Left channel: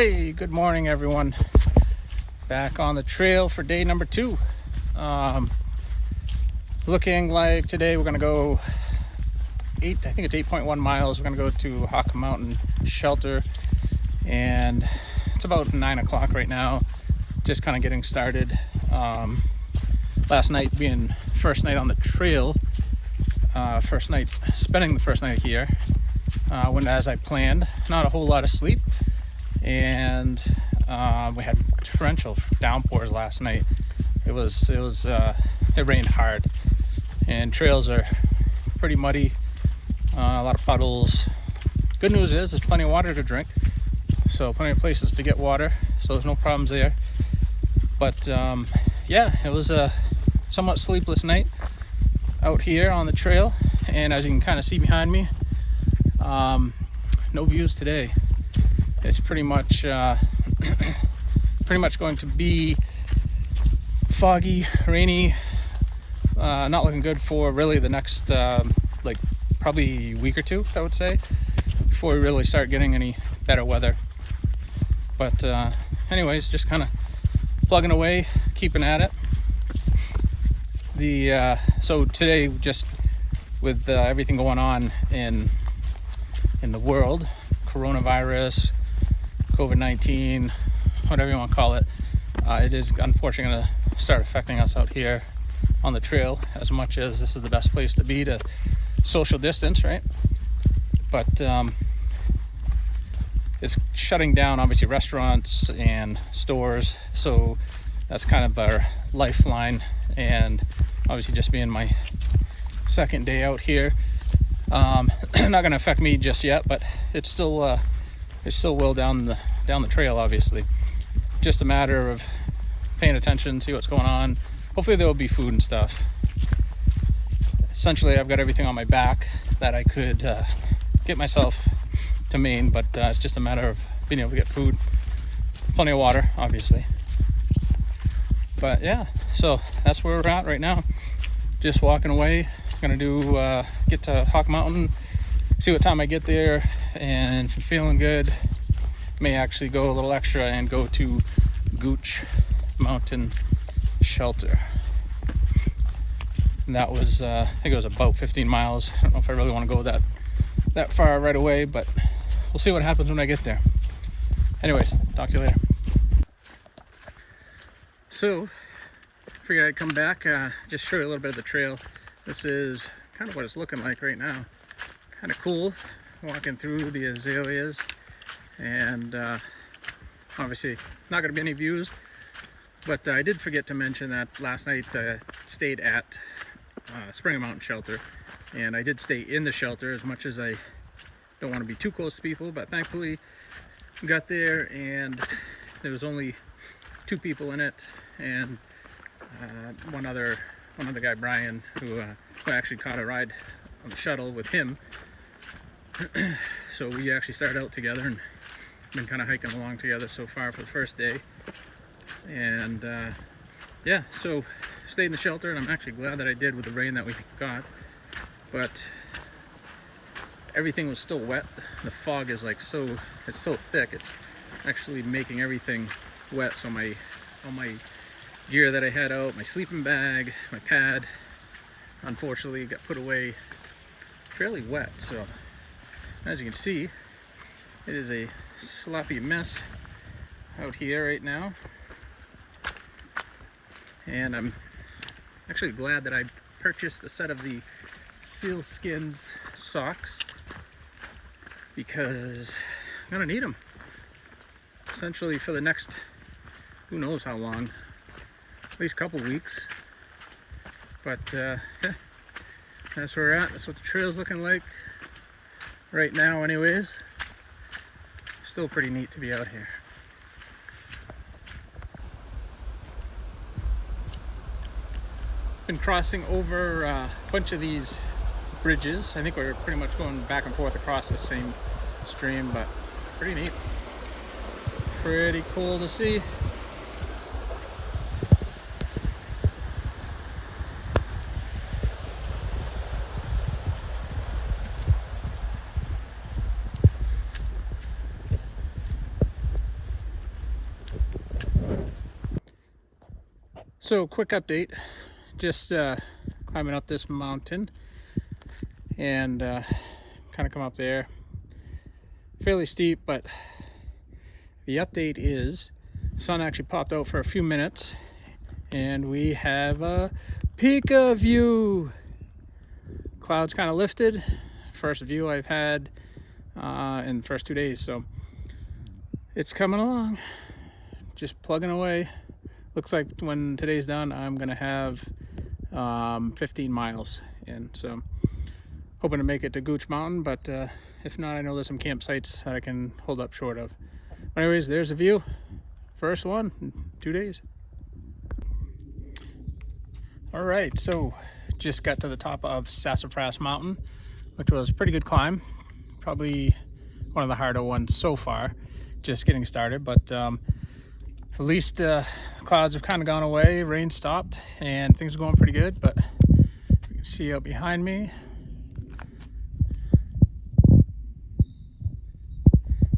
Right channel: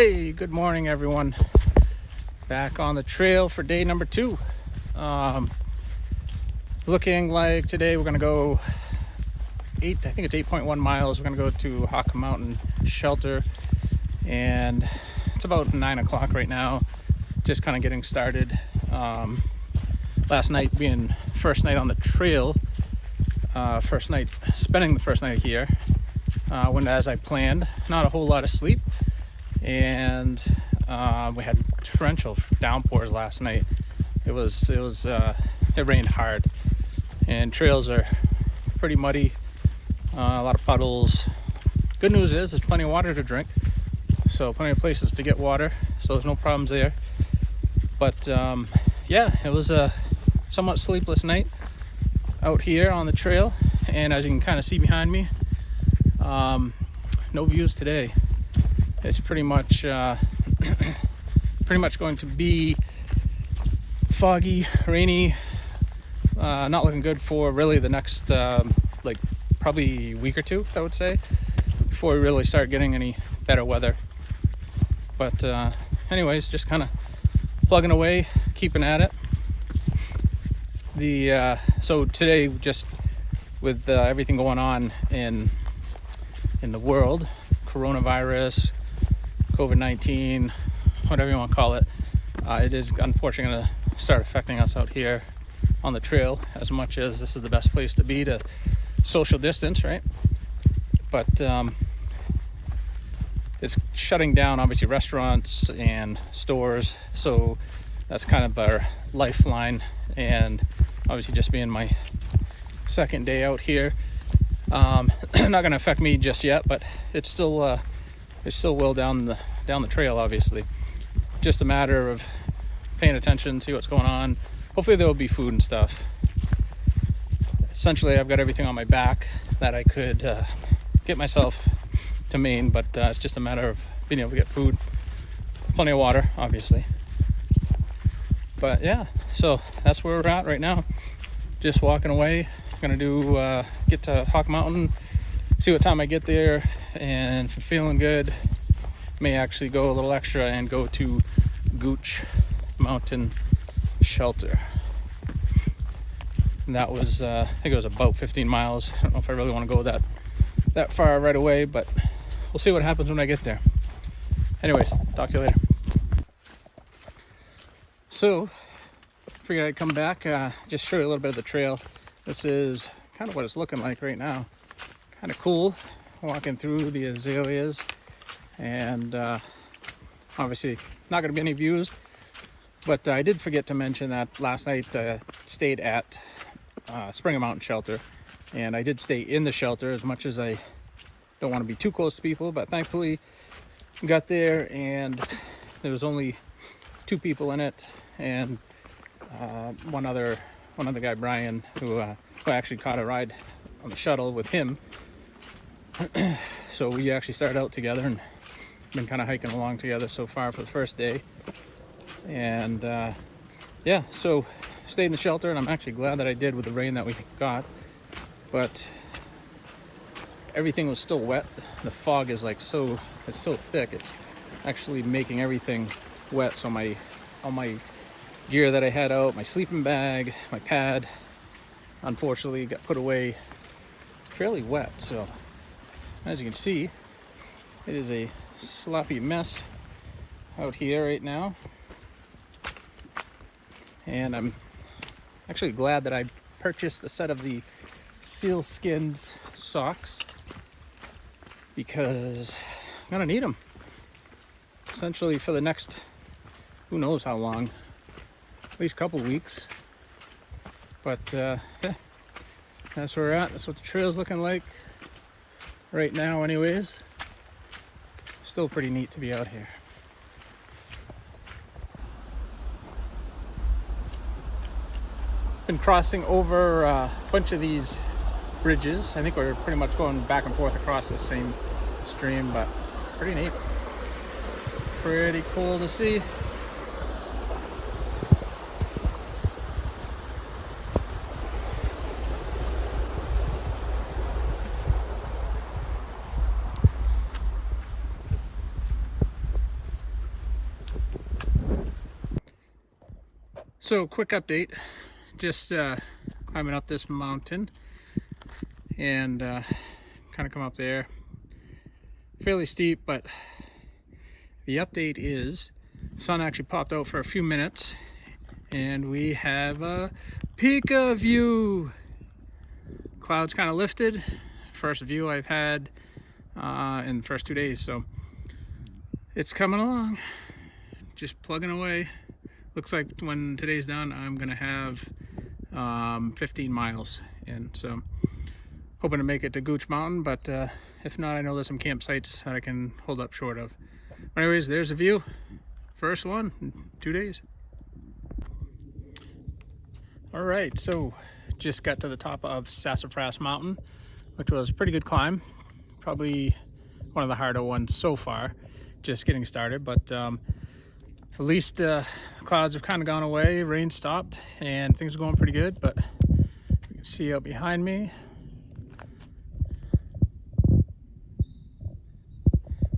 Hey, good morning everyone. Back on the trail for day number 2. Looking like today we're gonna go I think it's 8.1 miles. We're gonna go to Gooch Mountain Shelter, and it's about 9 o'clock right now. Just kind of getting started. Last night being first night on the trail, spending the first night here, went as I planned. Not a whole lot of sleep, and we had torrential downpours last night. It rained hard, and trails are pretty muddy. A lot of puddles. Good news is there's plenty of water to drink, so plenty of places to get water, so there's no problems there. But yeah, it was a somewhat sleepless night out here on the trail, and as you can kind of see behind me, no views today. It's pretty much going to be foggy, rainy, not looking good for really the next probably week or two, I would say, before we really start getting any better weather. But anyways, just kind of plugging away, keeping at it. So today, just with everything going on in the world, coronavirus, COVID-19, whatever you want to call it, it is unfortunately going to start affecting us out here on the trail, as much as this is the best place to be to social distance, right? But it's shutting down, obviously, restaurants and stores, so that's kind of our lifeline. And obviously, just being my second day out here, not going to affect me just yet, but it still will down the trail. Obviously, just a matter of paying attention, see what's going on. Hopefully there will be food and stuff. Essentially, I've got everything on my back that I could get myself to Maine, but it's just a matter of being able to get food, plenty of water, obviously. But yeah, so that's where we're at right now. Just walking away. Gonna get to Gooch Mountain, see what time I get there, and if I'm feeling good, may actually go a little extra and go to Gooch Mountain Shelter. And that was, I think it was about 15 miles. I don't know if I really want to go that far right away, but we'll see what happens when I get there. Anyways, talk to you later. So, figured I'd come back, just show you a little bit of the trail. This is kind of what it's looking like right now. Kind of cool, walking through the azaleas, and obviously not going to be any views, but I did forget to mention that last night I stayed at Mountain Shelter, and I did stay in the shelter, as much as I don't want to be too close to people, but thankfully got there and there was only 2 people in it, and one other guy, Brian, who I actually caught a ride on the shuttle with him. So we actually started out together and been kind of hiking along together so far for the first day. And yeah, so stayed in the shelter, and I'm actually glad that I did with the rain that we got. But everything was still wet. The fog is it's so thick, it's actually making everything wet. So all my gear that I had out, my sleeping bag, my pad, unfortunately got put away fairly wet. So as you can see, it is a sloppy mess out here right now. And I'm actually glad that I purchased a set of the sealskins socks, because I'm gonna need them essentially for the next, who knows how long, at least a couple weeks. But yeah, that's where we're at. That's what the trail's looking like right now anyways. Still pretty neat to be out here. Been crossing over a bunch of these bridges. I think we're pretty much going back and forth across the same stream, but pretty neat. Pretty cool to see. So quick update, just climbing up this mountain and kind of come up there. Fairly steep, but the update is the sun actually popped out for a few minutes and we have a Pika view. Clouds kind of lifted. First view I've had in the first 2 days, so it's coming along, just plugging away. Looks like when today's done, I'm gonna have 15 miles in, so hoping to make it to Gooch Mountain, but if not, I know there's some campsites that I can hold up short of. But anyways, there's the view. First one in 2 days. All right, so just got to the top of Sassafras Mountain, which was a pretty good climb. Probably one of the harder ones so far, just getting started, but at least clouds have kind of gone away, rain stopped, and things are going pretty good. But you can see out behind me.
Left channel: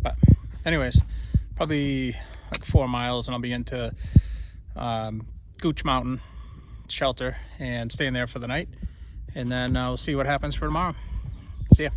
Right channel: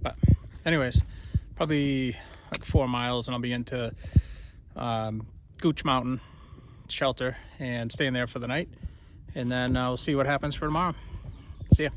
But anyways, probably like 4 miles and I'll be into Gooch Mountain Shelter and staying there for the night. And then I'll see what happens for tomorrow. See ya.